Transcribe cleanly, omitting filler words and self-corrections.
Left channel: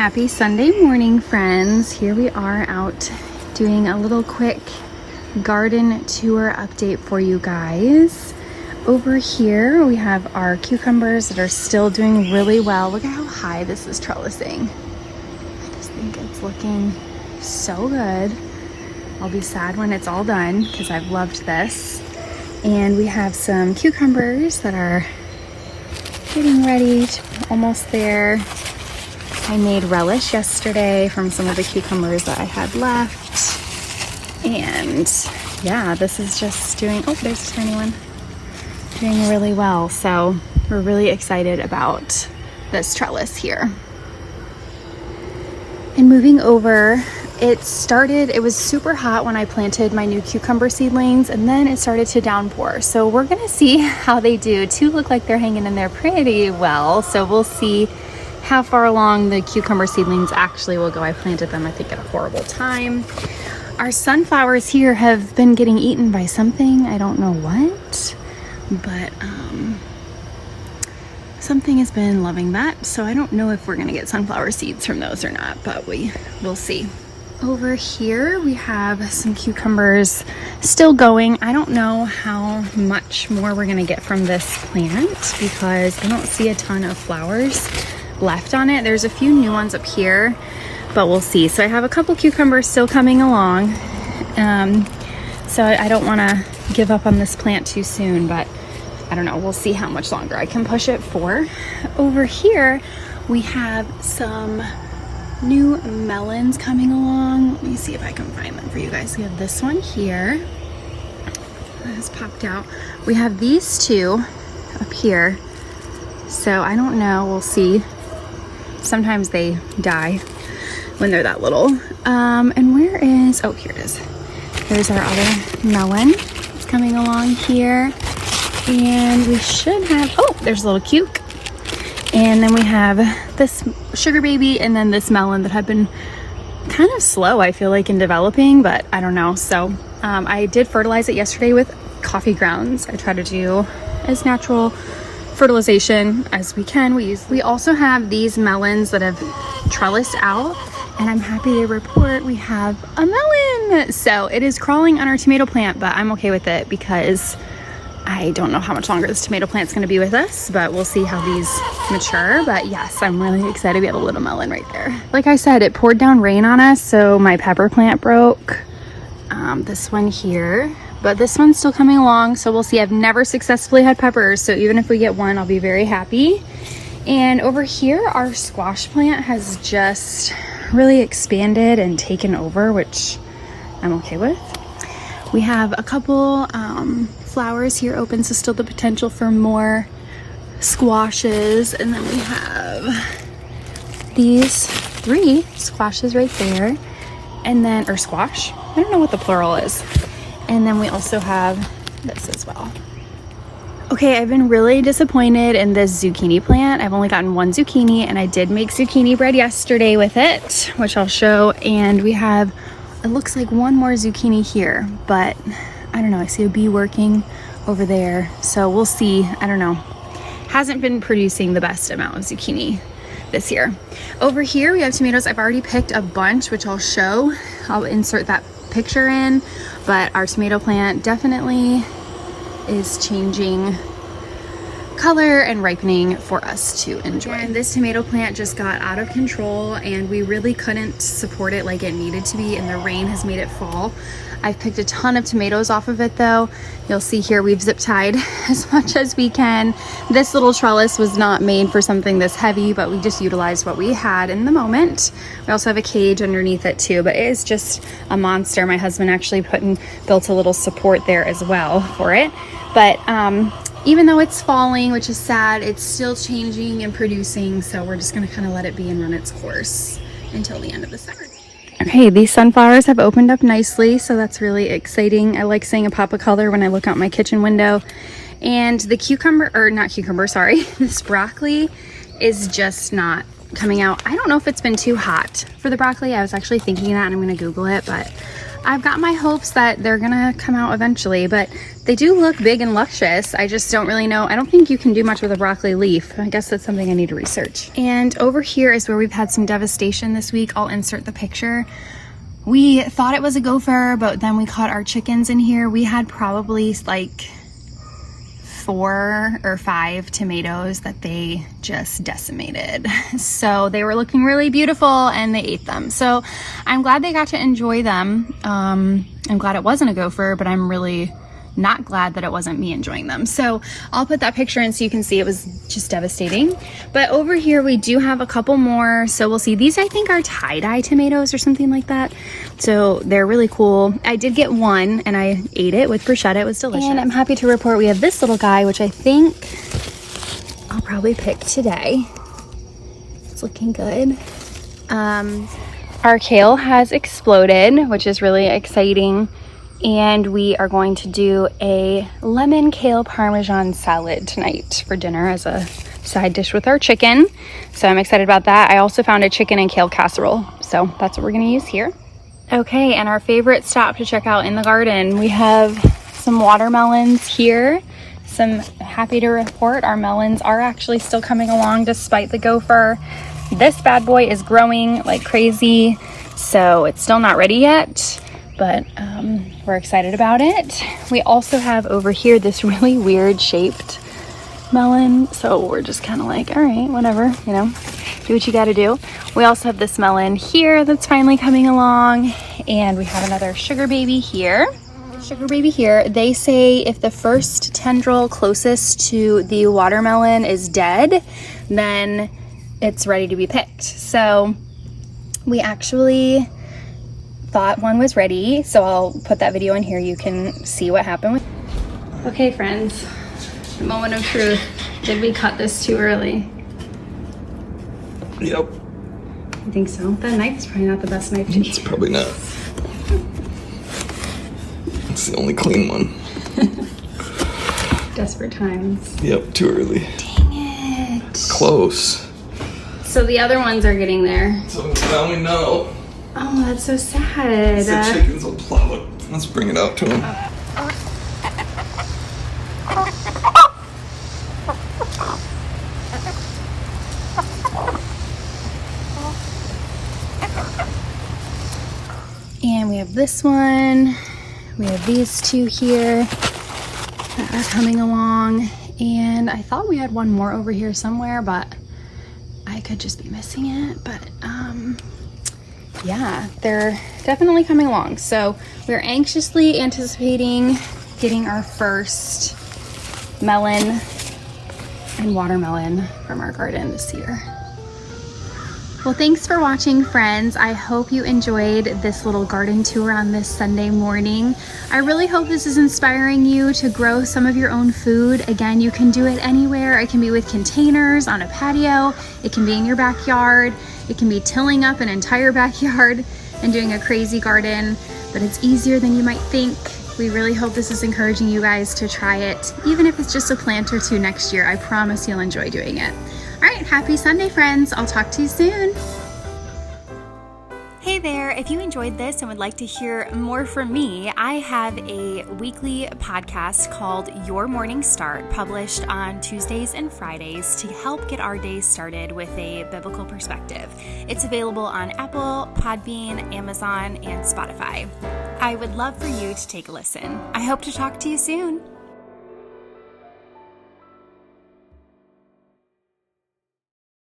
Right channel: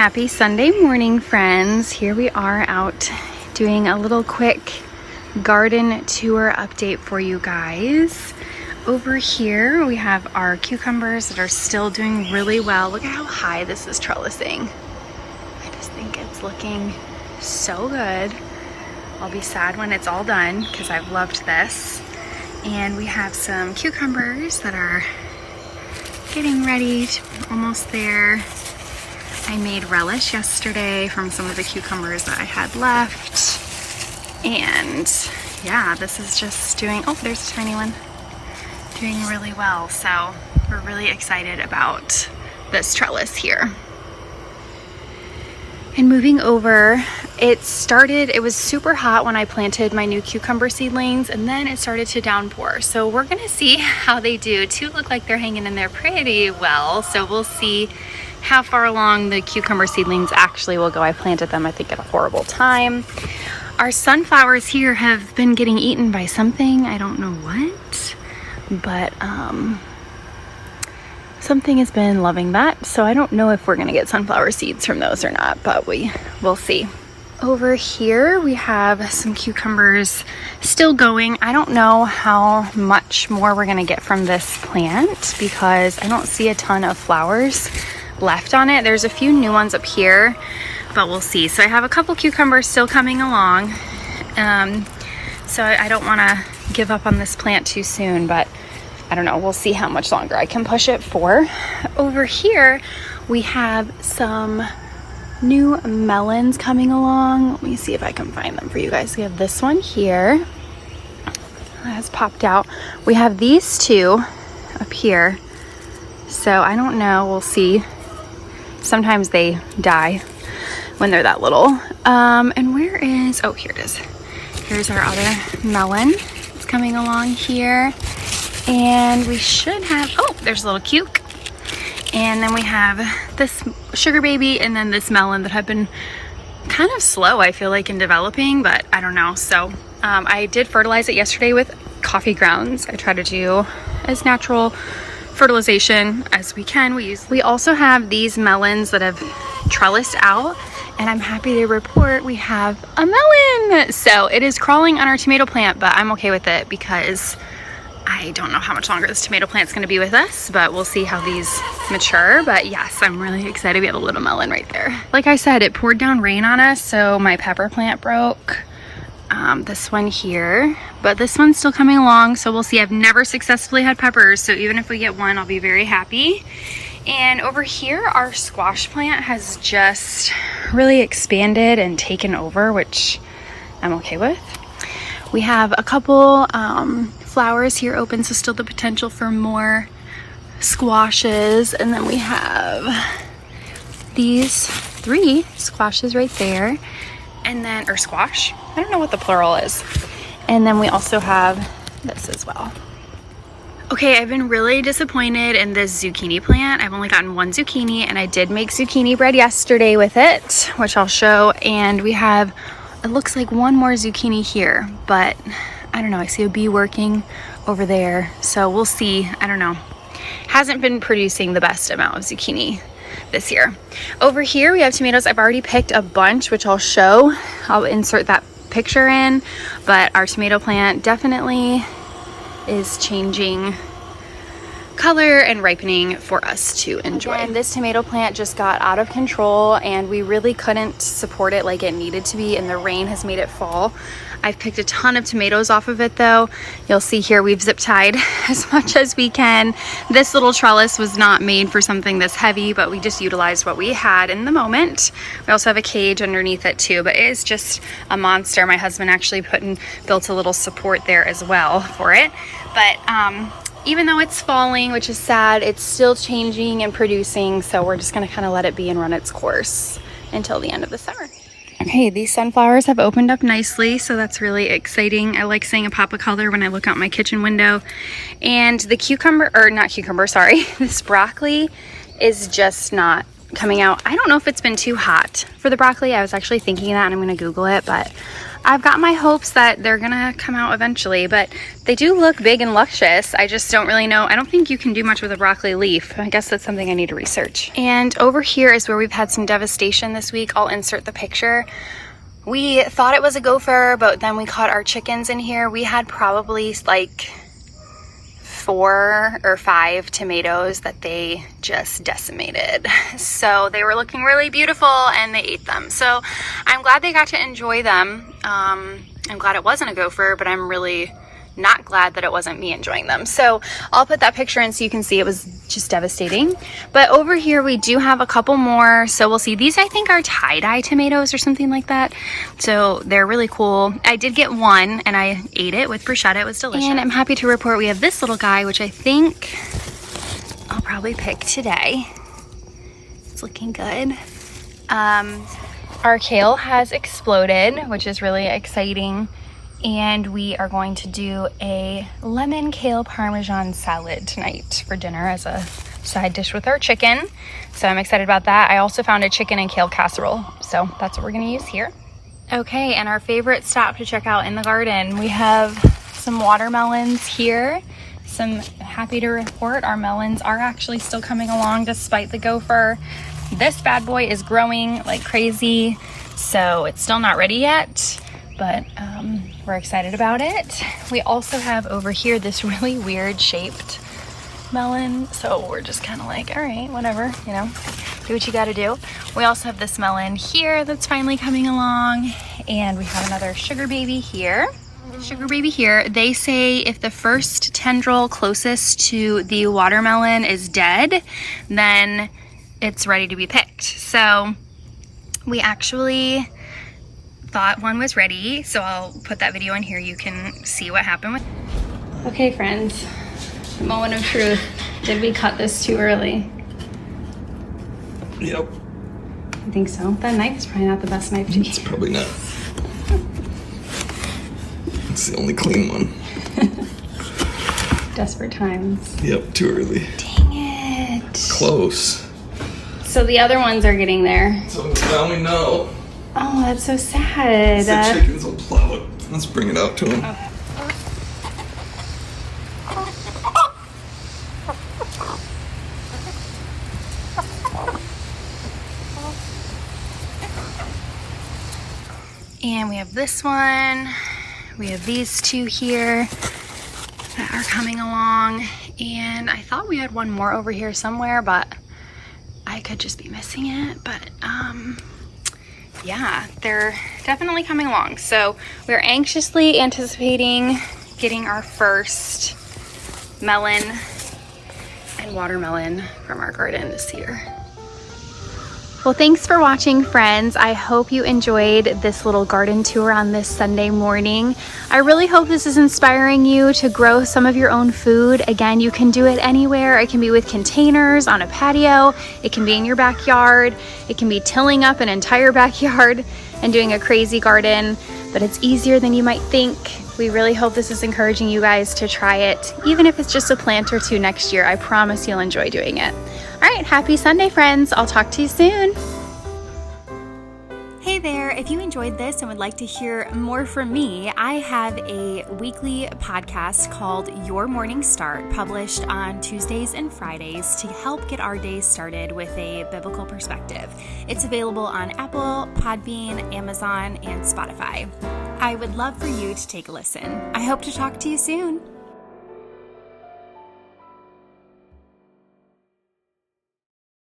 Happy Sunday morning, friends. Here we are out doing a little quick garden tour update for you guys. Over here we have our cucumbers that are still doing really well. Look at how high this is trellising. I just think it's looking so good. I'll be sad when it's all done because I've loved this. And we have some cucumbers that are getting ready, almost there. I made relish yesterday from some of the cucumbers that I had left. And yeah, this is just doing, oh, there's a tiny one, doing really well. So we're really excited about this trellis here. And moving over, it was super hot when I planted my new cucumber seedlings, and then it started to downpour. So we're gonna see how they do. Two look like they're hanging in there pretty well. So we'll see how far along the cucumber seedlings actually will go. I planted them, I think, at a horrible time. Our sunflowers here have been getting eaten by something. I don't know what, but something has been loving that. So I don't know if we're gonna get sunflower seeds from those or not, but we'll see. Over here we have some cucumbers still going. I don't know how much more we're gonna get from this plant because I don't see a ton of flowers left on it. There's a few new ones up here, but we'll see. So I have a couple cucumbers still coming along. So I don't want to give up on this plant too soon, but I don't know. We'll see how much longer I can push it for. Over here, we have some new melons coming along. Let me see if I can find them for you guys. We have this one here. That has popped out. We have these two up here. So I don't know. We'll see. Sometimes they die when they're that little. And where is, oh, here it is. Here's our other melon. It's coming along here. And we should have, oh, there's a little cuke. And then we have this sugar baby and then this melon that have been kind of slow, I feel like, in developing, but I don't know. So I did fertilize it yesterday with coffee grounds. I try to do as natural fertilization as we can. We also have these melons that have trellised out, and I'm happy to report we have a melon. So it is crawling on our tomato plant, but I'm okay with it because I don't know how much longer this tomato plant's going to be with us, but we'll see how these mature. But yes, I'm really excited. We have a little melon right there. Like I said, it poured down rain on us, so my pepper plant broke. This one here, but this one's still coming along, so we'll see. I've never successfully had peppers, so even if we get one, I'll be very happy. And over here, our squash plant has just really expanded and taken over, which I'm okay with. We have a couple flowers here open, so still the potential for more squashes. And then we have these 3 squashes right there, and then, or squash, I don't know what the plural is. And then we also have this as well. Okay, I've been really disappointed in this zucchini plant. I've only gotten 1 zucchini, and I did make zucchini bread yesterday with it, which I'll show. And we have, it looks like 1 more zucchini here, but I don't know. I see a bee working over there, so we'll see. I don't know. Hasn't been producing the best amount of zucchini this year. Over here we have tomatoes. I've already picked a bunch, which I'll show. I'll insert that picture in, but our tomato plant definitely is changing color and ripening for us to enjoy. And this tomato plant just got out of control, and we really couldn't support it like it needed to be, and the rain has made it fall. I've picked a ton of tomatoes off of it though. You'll see here we've zip tied as much as we can. This little trellis was not made for something this heavy, but we just utilized what we had in the moment. We also have a cage underneath it too, but it is just a monster. My husband actually built a little support there as well for it. But even though it's falling, which is sad, it's still changing and producing. So we're just gonna kind of let it be and run its course until the end of the summer. Okay, these sunflowers have opened up nicely, so that's really exciting. I like seeing a pop of color when I look out my kitchen window. And the this broccoli is just not coming out. I don't know if it's been too hot for the broccoli. I was actually thinking that, and I'm gonna Google it, but I've got my hopes that they're gonna come out eventually. But they do look big and luscious. I just don't really know. I don't think you can do much with a broccoli leaf. I guess that's something I need to research. And over here is where we've had some devastation this week. I'll insert the picture. We thought it was a gopher, but then we caught our chickens in here. We had probably like 4 or 5 tomatoes that they just decimated. So they were looking really beautiful and they ate them. So I'm glad they got to enjoy them. I'm glad it wasn't a gopher, but I'm really not glad that it wasn't me enjoying them. So I'll put that picture in so you can see it was just devastating. But over here we do have a couple more. So we'll see. These I think are tie-dye tomatoes or something like that. So they're really cool. I did get one and I ate it with bruschetta. It was delicious. And I'm happy to report we have this little guy, which I think I'll probably pick today. It's looking good. Our kale has exploded, which is really exciting. And we are going to do a lemon kale parmesan salad tonight for dinner as a side dish with our chicken. So I'm excited about that. I also found a chicken and kale casserole. So that's what we're gonna use here. Okay, and our favorite stop to check out in the garden. We have some watermelons here. I'm happy to report our melons are actually still coming along despite the gopher. This bad boy is growing like crazy. So it's still not ready yet, but we're excited about it. We also have over here this really weird shaped melon. So we're just kind of like, all right, whatever, you know, do what you gotta do. We also have this melon here that's finally coming along. And we have another sugar baby here. Sugar baby here. They say if the first tendril closest to the watermelon is dead, then it's ready to be picked. So we actually thought one was ready, so I'll put that video in here. You can see what happened. Okay, friends, the moment of truth. Did we cut this too early? Yep. I think so. That knife is probably not the best knife to use. It's probably not. It's the only clean one. Desperate times. Yep, too early. Dang it. Close. So the other ones are getting there. So now we know. Oh, that's so sad. The chickens will plow it. Let's bring it out to them. Okay. And we have this one. We have these two here that are coming along. And I thought we had one more over here somewhere, but I could just be missing it. But yeah, they're definitely coming along. So we're anxiously anticipating getting our first melon and watermelon from our garden this year. Well, thanks for watching, friends. I hope you enjoyed this little garden tour on this Sunday morning. I really hope this is inspiring you to grow some of your own food. Again, you can do it anywhere. It can be with containers on a patio. It can be in your backyard. It can be tilling up an entire backyard and doing a crazy garden, but it's easier than you might think. We really hope this is encouraging you guys to try it, even if it's just a plant or two next year. I promise you'll enjoy doing it. All right, happy Sunday, friends. I'll talk to you soon. Hey there, if you enjoyed this and would like to hear more from me, I have a weekly podcast called Your Morning Start, published on Tuesdays and Fridays to help get our day started with a biblical perspective. It's available on Apple, Podbean, Amazon, and Spotify. I would love for you to take a listen. I hope to talk to you soon.